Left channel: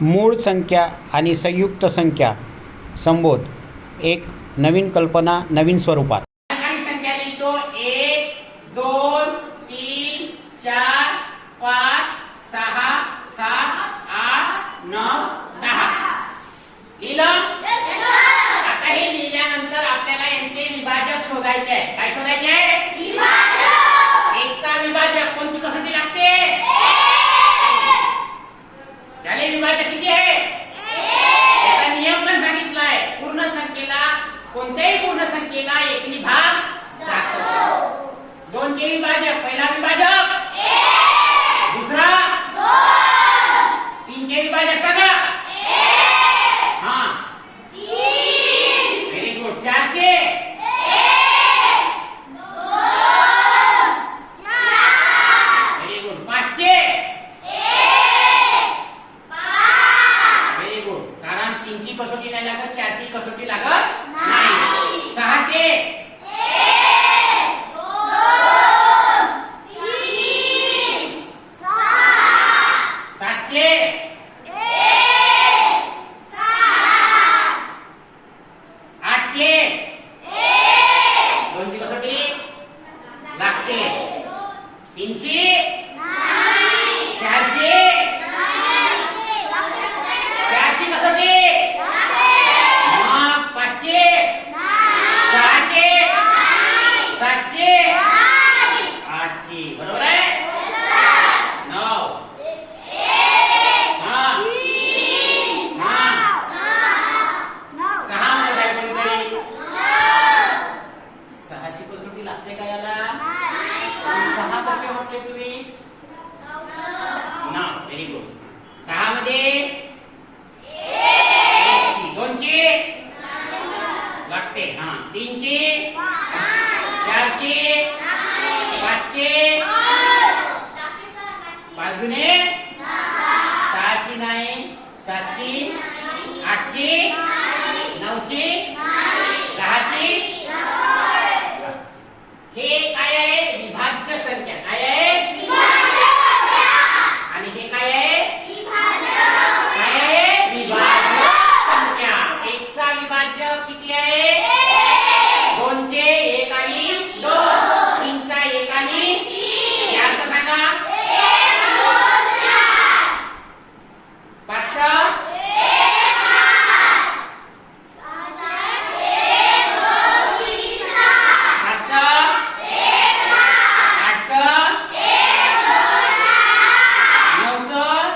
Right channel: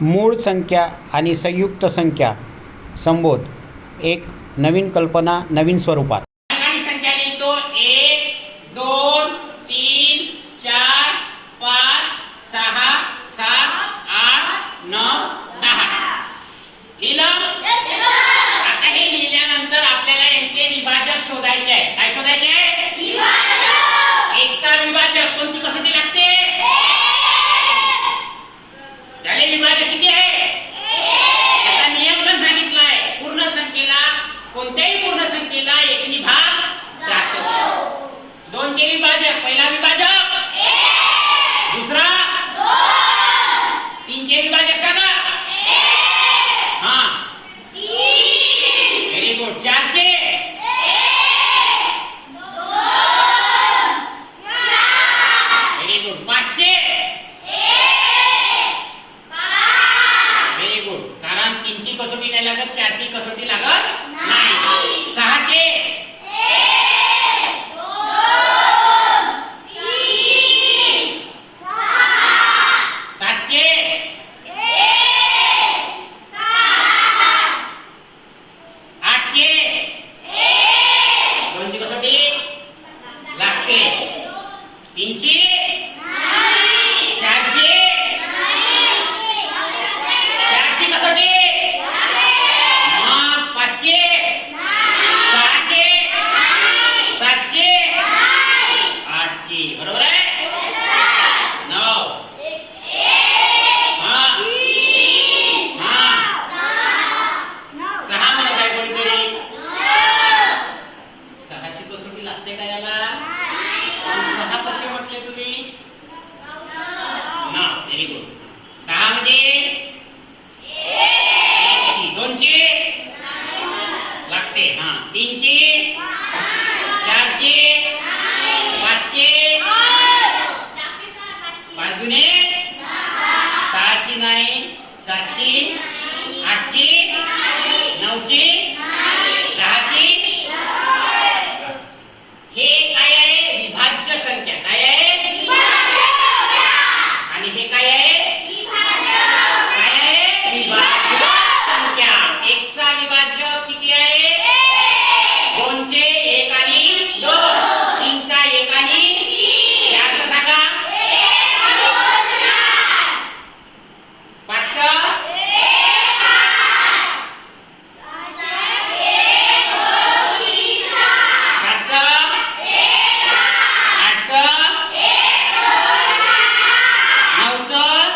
मूळ संख्या आणि संयुक्त संख्या संबोध. एक नवीन कल्पना नवीन स्वरूपात आणि संख्या लिहितो एक दोन तीन चार पाच सहा सात आठ नऊ दहा लिहिलं आता हे लिहिल्यानंतर आपल्याला यांचे विभाजक शोधायचे आहे काय शोधायचे आहे एकचा विभाजक कोणती कसोटी लागते त्याले विभाजक किती आहे? याचा नियम पण सांगितला आहे पूर्ण संख्येला कोणत्याही पूर्ण संख्येला एकनी भाग जातो. दोनचे विभाजक पहिला विभाजक दुसरा तीनचे विभाजक सांगा हा व्हेरी गुड चारचे व्हेरी गुड पाचचे व्हेरी गुड कारण तीनची कसोटी नाही लागत चारची कसोटी लागत नाही सहाचे सातचे आठचे दोनची कसोटी लागते तीनची चारचे चारची कसोटी मग पाचचे सहाचे सातचे आठचे बरोबर आहे? नऊ. हा. हा. सहा म्हणत आहे कोणीतरी? सहाची कसोटी लागते का याला? पण सहा कसे म्हटले तुम्ही? ना व्हेरी गुड दहा मध्ये एकची दोनची लागते हा तीनची चारची पाचची पाच दुने सहाची नाही सातची आठची नऊची दहाची हे काय आहे विभाज्य संख्या काय आहे आणि हे काय आहे काय आहे विभाज्य संख्या एकचा विभाज्य किती आहे दोनचे एक आणि दोन तीनचा एक आणि चारचा सांगा पाचचा सातचा आठचं नऊचं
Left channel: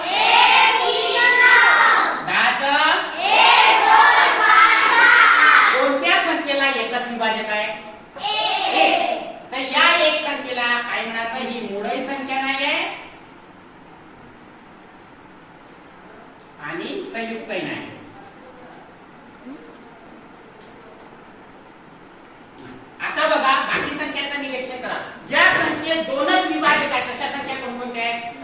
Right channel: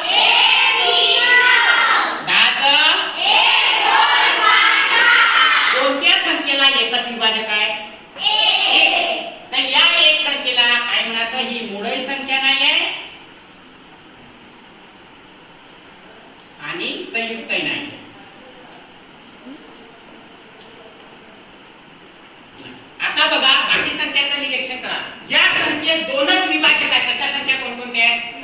दहाचं कोणत्या संख्येला एकच विभाजक आहे एक. तर या एक संख्येला काय ही मुळही संख्या नाही आहे. आणि संयुक्तही नाही. आता बघा बाकी संख्याचं निरीक्षण करा. ज्या संख्येत दोनच विभाजक आहेत तशा संख्या कोणकोणत्या आहेत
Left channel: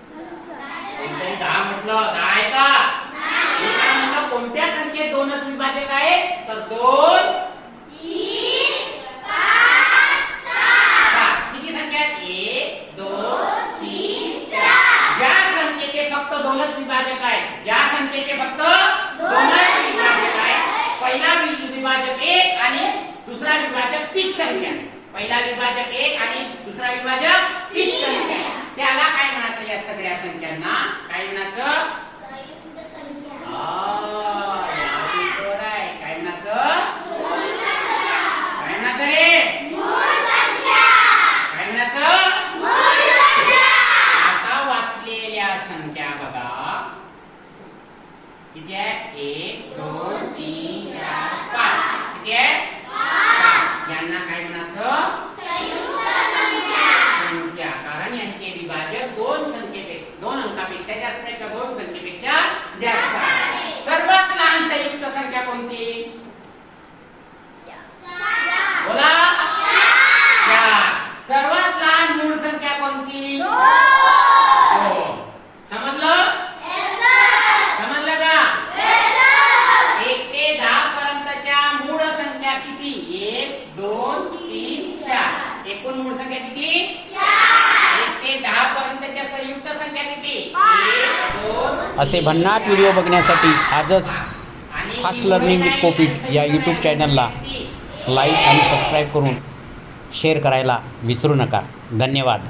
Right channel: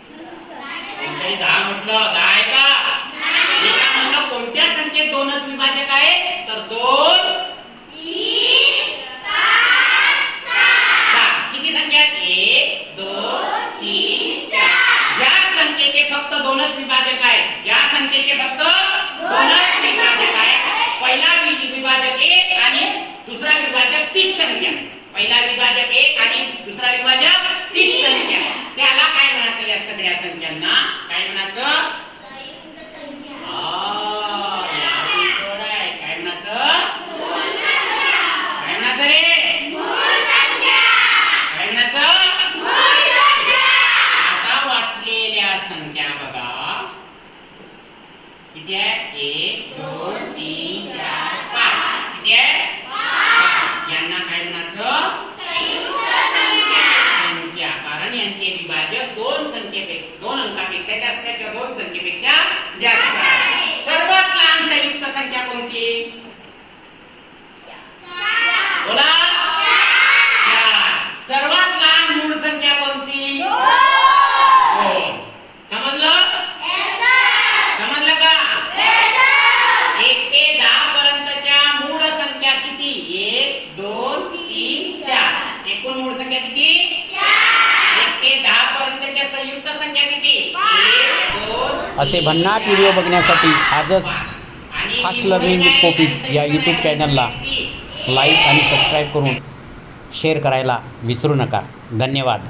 कोणत्याही दहा म्हटलं दहा आहे का मी काय म्हटलं कोणत्या संख्येत दोनच विभाजक आहे तर दोन. किती संख्या? आहेत एक दोन तीन चार. ज्या संख्येचे फक्त दोनच विभाजक आहेत ज्या संख्येचे फक्त दोनच विभाजक आहेत पहिला विभाजक एक आणि दुसरा विभाजक तीच संख्या. पहिला विभाजक एक आणि दुसरा विभाजक तीच संख्या. त्याला काय म्हणायचं या सगळ्या संख्यांना? काय म्हणायचं आ, या उलटं आहे. काय म्हणायचं काय म्हणायचं रे काय म्हणायचं आता वाचलेल्या संख्या बघा किती आहे? एक दोन तीन चार पाच. किती आहे? पाच. यांना काय म्हणायचं? संख्या कारण यांचे विभाजक दोन संख्येपेक्षा दोन अंकापेक्षा जास्त आहे किंवा दोन संख्येपेक्षा जास्त आहे सर्वात लहान संयुक्त संख्या कोणती बोला चार सर्वात लहान मूळ संख्या कोणती दोन समजलं समजलं का एक ते दहा पर्यंतच्या मूळ संख्या किती एक दोन तीन चार एकूण मूळ संख्या किती? एक ते दहा पर्यंतच्या संयुक्त संख्या किती? एक दोन असे भन्नाट व्हिडिओ बघण्यासाठी आजच आणि फास्ट लर्निंग विथ कोपिट या यूट्यूब चॅनलला लाईक आणि सबस्क्राईब करून शेअर करायला विसरू नका. धन्यवाद.